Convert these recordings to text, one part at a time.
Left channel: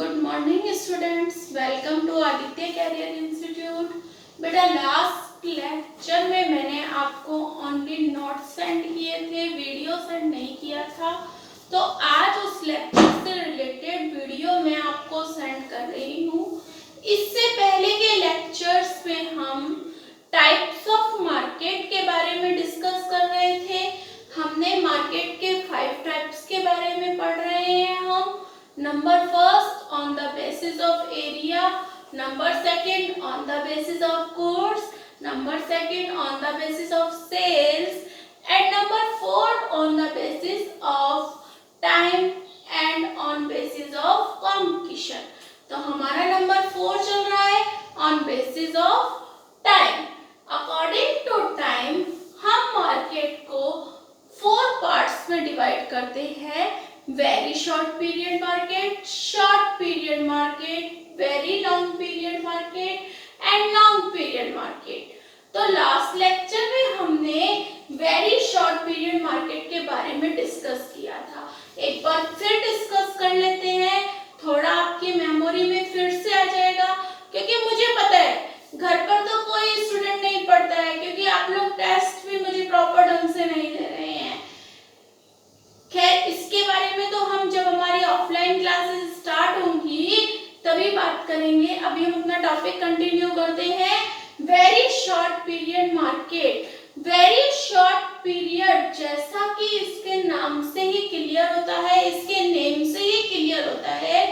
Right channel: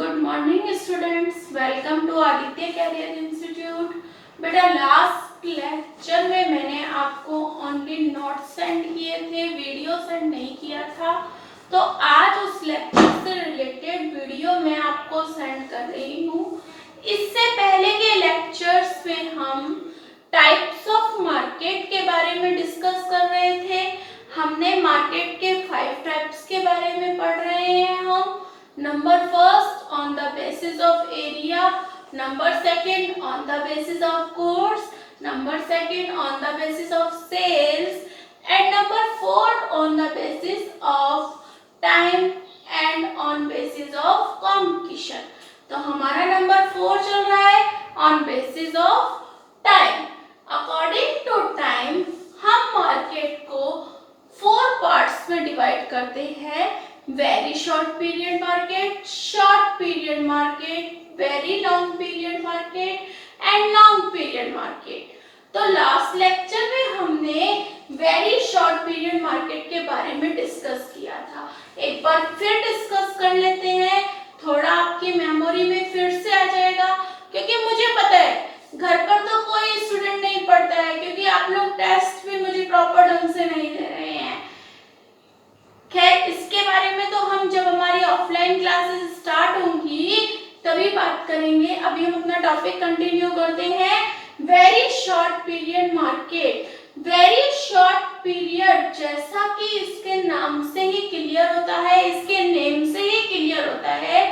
Good morning students, welcome to Aditya career institute. बेटा last lecture में मैंने आपको ओनली नोट्स सेंड किए थे, वीडियो सेंड नहीं किया था। तो आज उस लेक्चर से रिलेटेड वीडियो मैं आपको सेंड कर रही हूँ। इससे पहले के लेक्चर्स में हम टाइप्स ऑफ मार्केट के बारे में डिस्कस कर रहे थे। हमने मार्केट के 5 टाइप्स के बारे में पढ़ रहे हैं हम। Number first on the basis of area, number second on the basis of goods, number second on the basis of sales, and number four on the basis of time and on basis of competition. तो हमारा number 4 चल रहा है on basis of time. According to time हम market को 4 parts में divide करते हैं। Very short period market, short period market, very long period market and long period market. तो लास्ट लेक्चर में हमने वेरी शॉर्ट पीरियड मार्केट के बारे में डिस्कस किया था। एक बार फिर डिस्कस कर लेते हैं, थोड़ा आपकी मेमोरी में फिर से आ जाएगा, क्योंकि मुझे पता है घर पर तो कोई स्टूडेंट नहीं पढ़ता है, क्योंकि आप लोग टेस्ट भी मुझे प्रॉपर ढंग से नहीं दे रहे हैं। खैर, इसके बारे में तो हम जब हमारी ऑफलाइन क्लासेस स्टार्ट होंगी तभी बात करेंगे। अभी हम अपना टॉपिक कंटिन्यू करते हैं। Very short period market. Very short period, जैसा कि इसके नाम से ही क्लियर होता है, इसके नेम से ही क्लियर होता है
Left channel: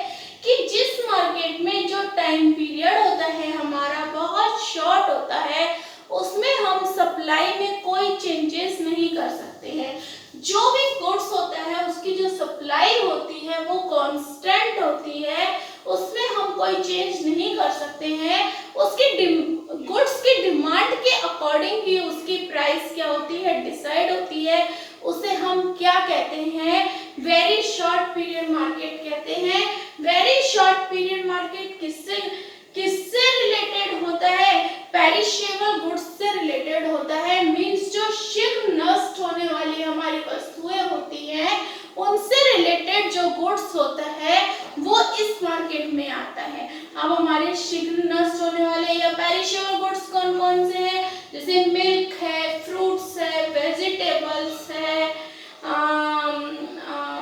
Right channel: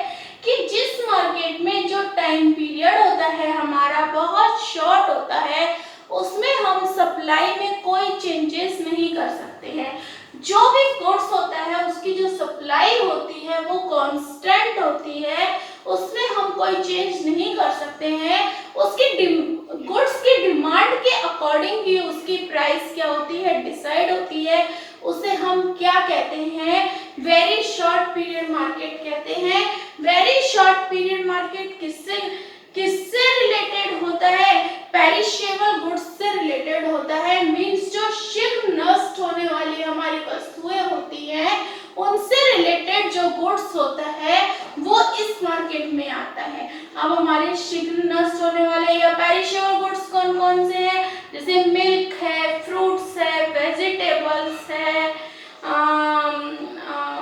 कि जिस मार्केट में जो टाइम पीरियड होता है हमारा बहुत शॉर्ट होता है, उसमें हम सप्लाई में कोई चेंजेस नहीं कर सकते हैं। जो भी गुड्स होता है उसकी जो सप्लाई होती है वो कांस्टेंट होती है, उसमें हम कोई चेंज नहीं कर सकते हैं। उसकी गुड्स की डिमांड के अकॉर्डिंग ही उसकी प्राइस क्या होती है, डिसाइड होती है। उसे हम क्या कहते हैं, वेरी शॉर्ट पीरियड मार्केट कहते हैं। वेरी शॉर्ट पीरियड मार्केट किससे रिलेटेड होता है, पेरिशेबल गुड्स से रिलेटेड होता है। मींस जो शीघ्र नष्ट होने वाली हमारी वस्तुएं होती हैं उनसे रिलेटेड जो गुड्स होता है वो इस मार्केट में आता है। अब हमारे शीघ्र नष्ट होने वाले या पेरिशेबल गुड्स कौन कौन से हैं, जैसे मिल्क है, फ्रूट्स है, वेजिटेबल्स है,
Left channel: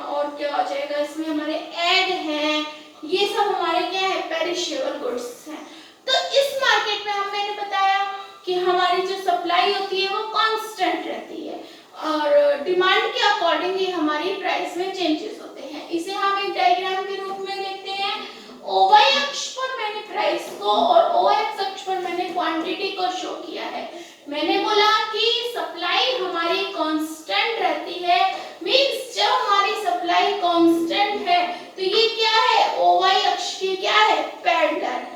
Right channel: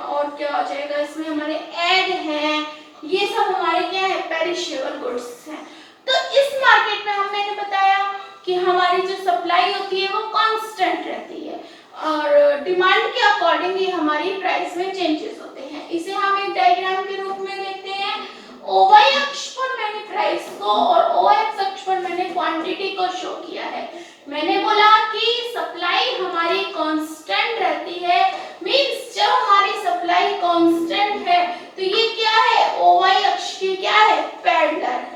और क्या हो जाएगा इसमें, हमारे एग हैं, ये सब हमारे क्या है, पेरिशेबल गुड्स हैं। तो इस मार्केट में मैंने बताया कि हमारी जो सप्लाई होती है वो कांस्टेंट रहती है और डिमांड के अकॉर्डिंग ही हमारी प्राइस में चेंजेस होते हैं। इसे हम एक डायग्राम के रूप में देखते हैं। ओवाई अक्ष पर मैंने प्राइस को और ओ एक्स अक्ष पर मैंने क्वांटिटी को शो किया है। मैंने बोला कि सप्लाई हमारी कांस्टेंट रहती है। मींस जब हमारी सप्लाई कांस्टेंट है तो ये क्या है, ओवाई अक्ष की क्या है, पैरेलल है।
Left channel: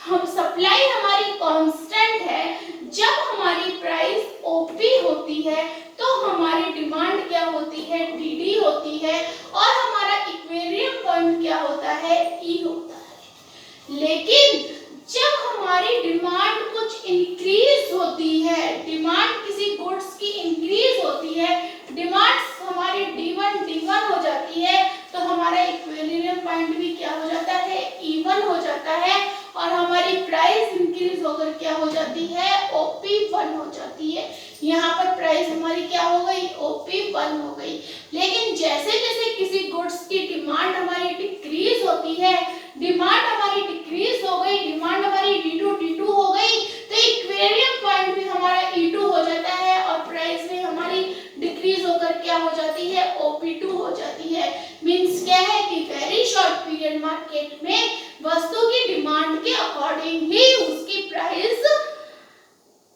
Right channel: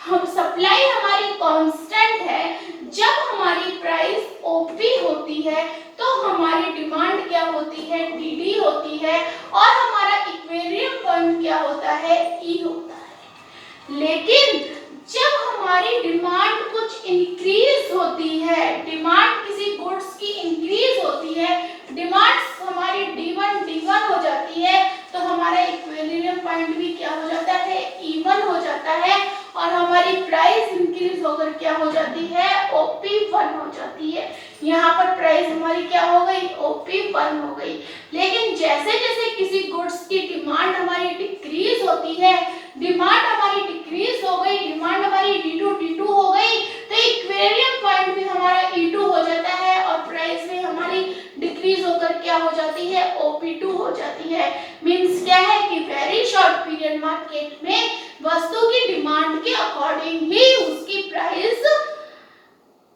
हम सप्लाई हमारी कांस्टेंट है, जब हमारी प्राइस ओपी होती है तो हमारी डिमांड क्या होती है, डीडी होती है, और हमारा इक्विलिब्रियम पॉइंट क्या होता है, ई होता है। लेकिन जब हमारी डिमांड कुछ इंक्रीज होती है, डिमांड किसी गुड्स की इंक्रीज होती है, डिमांड हमारी D1 हो जाती है, तो हमारा इक्विलिब्रियम पॉइंट भी क्या हो जाता है, इवन हो जाता है, और हमारी प्राइस इंक्रीज होकर क्या हो जाती है, OP1 हो जाती है। यहाँ पर प्राइस हमारी क्या हो गई, OP1 हो गई। लेकिन जैसे जैसे किसी गुड्स की डिमांड हमारी डिक्रीज होती है, डिमांड हमारी डिक्रीज हो गई, डिमांड हमारी D2 हो गई, तो इक्विलिब्रियम पॉइंट भी हमारा E2 हो जाता है और प्राइस भी हमारी डिक्रीज होकर क्या हो जाती है, OP2 हो जाती है। मींस क्या है कि वेरी शॉर्ट पीरियड मार्केट में वस्तु की डिमांड के अकॉर्डिंग ही उसकी प्राइस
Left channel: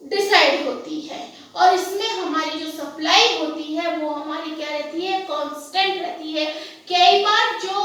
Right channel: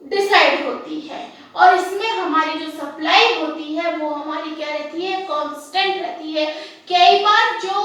डिसाइड होती है, और इसमें हमारी जो सप्लाई होती है वो हमारी क्या रहती है, कांस्टेंट रहती है। कई बार जो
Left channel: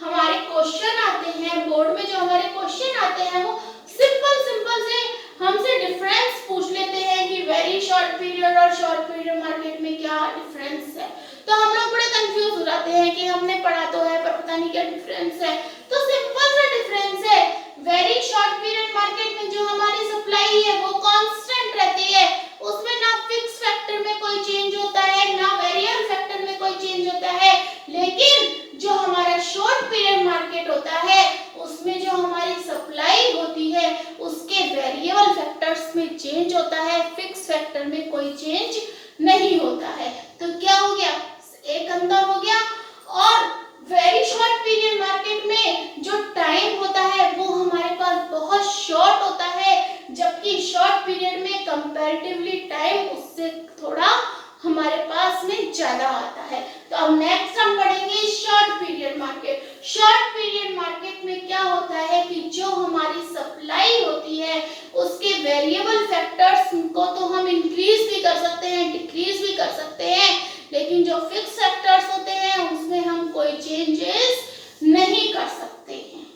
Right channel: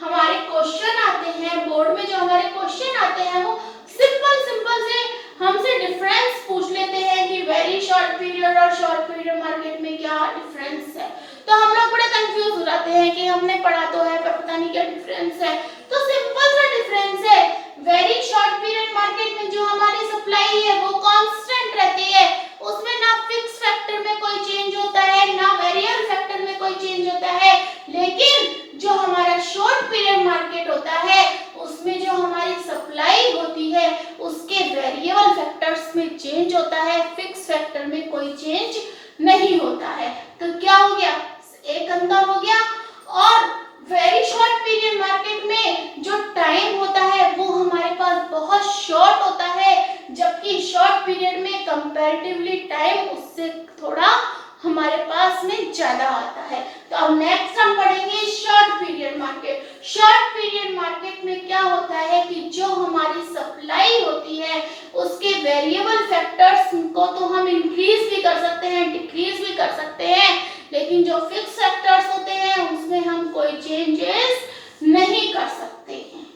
हमारे क्वेश्चन आते हैं बोर्ड में, जो हमारे क्वेश्चन आते हैं वो सिंपल से हमसे डिफरेंस पूछ लेते हैं कि वेरी शॉर्ट पीरियड और शॉर्ट पीरियड मार्केट में क्या डिफरेंस है। तो हम लोग बड़े कंफ्यूज हो जाते हैं कि हमने पढ़ा तो है पर पता नहीं क्या डिफरेंस है। तो सिंपल सा डिफरेंस है, वेरी शॉर्ट पीरियड मार्केट में जो हमारी सप्लाई है वो कांस्टेंट रहती है, उसमें ना फिक्स फैक्टर में कोई चेंज होता है ना वेरिएबल फैक्टर में कोई चेंज होता है। लेकिन जो हमारा शॉर्ट पीरियड मार्केट होता है उसमें जो हमारी सप्लाई होती है उसके वेरिएबल फैक्टर्स में चेंज होता है, फिक्स फैक्टर में कोई चेंज नहीं होता है। तो क्या हो गया, एक अंतर हो गया। और वेरी शॉर्ट पीरियड मार्केट में जो टाइम होता है वो हमारे पास बहुत शॉर्ट होता है, जबकि शॉर्ट पीरियड में कंपैरेटिवली टाइम उससे थोड़ा हमारे पास में ज्यादा आता है। तो अब नेक्स्ट हम पढ़ेंगे short period market. Short period market में क्या होता है कि जो हमारी सप्लाई होती है उसके वेरिएबल फैक्टर्स को तो हम इंक्रीज भी कर सकते हैं, डिक्रीज भी कर सकते हैं, लेकिन जो फिक्स फैक्टर्स होते हैं उसमें हम कोई चेंजेस नहीं कर सकते हैं।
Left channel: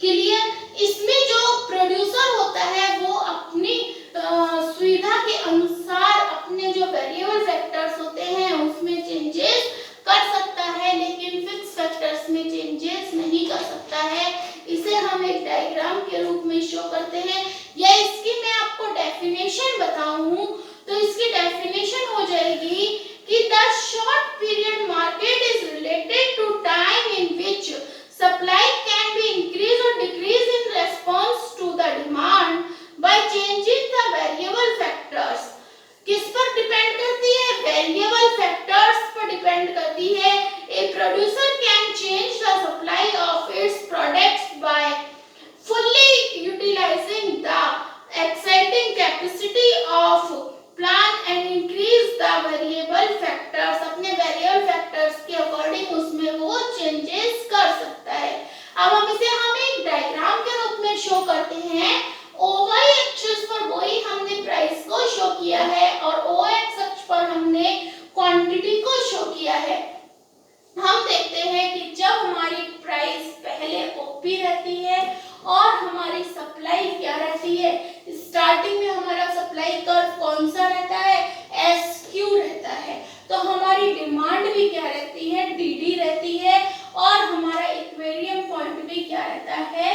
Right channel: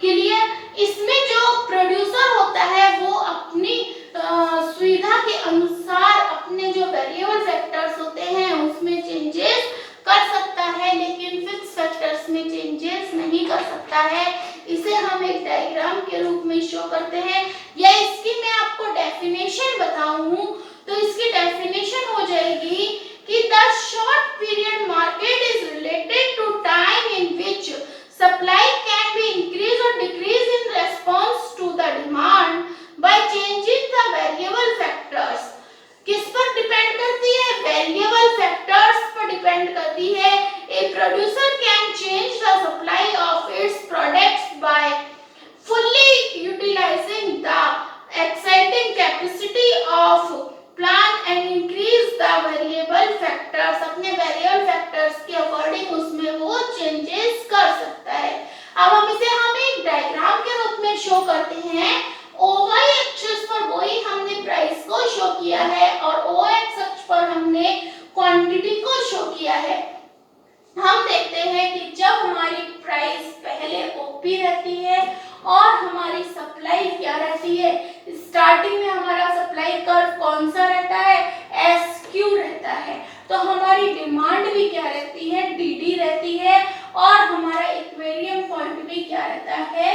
क्लियर? इसमें जो प्रोड्यूसर होता है वो अपनी सुविधा के अनुसार अपने जो वेरिएबल फैक्टर्स होते हैं उसमें चेंजेस कर सकता है, लेकिन फिक्स फैक्टर्स में चेंजेस नहीं कर सकता है। इसे हम एक डायग्राम के रूप में शो करते हैं, या इसकी मैं आपको डेफिनेशन बताऊं तो इसकी डेफिनेशन हो जाएगी कि the short period market is related to time in which supply can be increase और decrease in response to the demand by changing the variable factors. किस पर डिपेंड करती है? वेरिएबल फैक्टर्स पर डिपेंड करती है। A producer can change the supply of its products by fully utilizing the exciting capacity of plant and increase the variable factors। अपने variable factors के according उसमें वो चेंजेस कर सकता है। अब हम इसे एक डायग्राम के रूप में शो करते हैं। OY एक्सिस पर वही हमने प्राइस को शो किया है और OX अक्ष पर हमने क्वांटिटी को शो किया है। हम देखते हैं कि जब हमारी प्राइस पहले ओपी रहती है और हमारी सप्लाई क्या रहती है, स्टार्टिंग में हमारा सप्लाई कर्व कौन सा रहता है, SQ रहता है। तो हमारी डिमांड भी क्या रहती है, DD रहती है, और हमारा इक्विलिब्रियम पॉइंट भी क्या रहता है,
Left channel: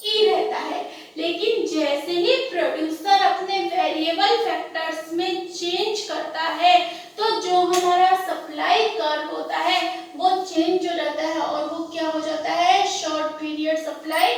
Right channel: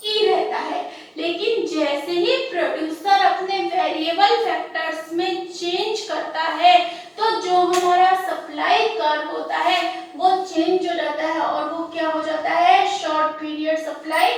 E रहता है। लेकिन जैसे ही प्रोड्यूसर अपने वेरिएबल फैक्टर्स में चेंज करता है तो जो हमारा सप्लाई कर्व होता है वो चेंज हो जाता है और वो क्या हो जाता है, शॉर्ट पीरियड सप्लाई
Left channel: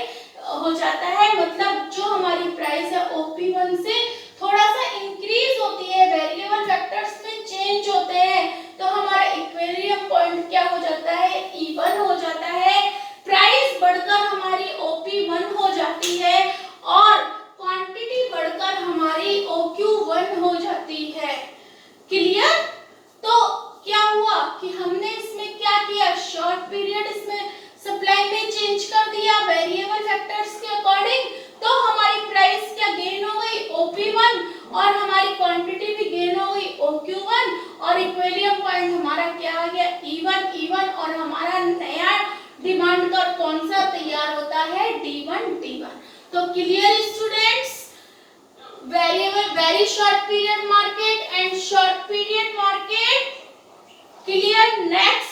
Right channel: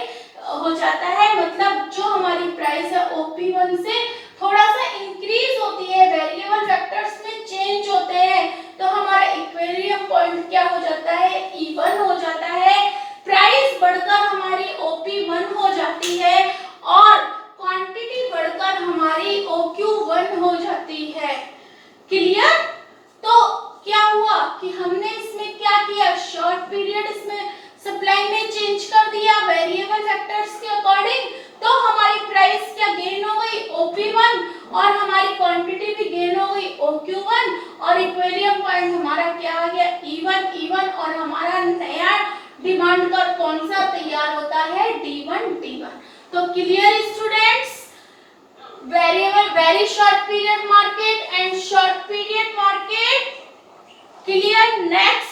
हो जाता है। मतलब जो हमारी प्राइस है OP1 से थोड़ा सा इंक्रीज होती है, वेरिएबल फैक्टर्स में चेंज होते हैं, तो हमारा इक्विलिब्रियम पॉइंट क्या हो जाता है, E1 हो जाता है। प्राइस बढ़कर हमारी OP1 हो जाती है और क्वांटिटी बढ़कर हमारी OQ1 हो जाती है। क्लियर? तो क्या हुआ कि हमने इसमें क्या किया, शॉर्ट पीरियड इसमें सप्लाई में चेंज कर दिया वेरिएबल फैक्टर्स के अकॉर्डिंग, तो हमारी प्राइस क्या गेन हो गई, OP1, और हमारी क्वांटिटी भी गेन हो गई OQ1, और इक्विलिब्रियम पॉइंट हमारा क्या आ गया, E1, और हमारा नया डिमांड कर्व कौन सा तैयार होता है, D1। तो clear students, very short period market and short period market, clear? Next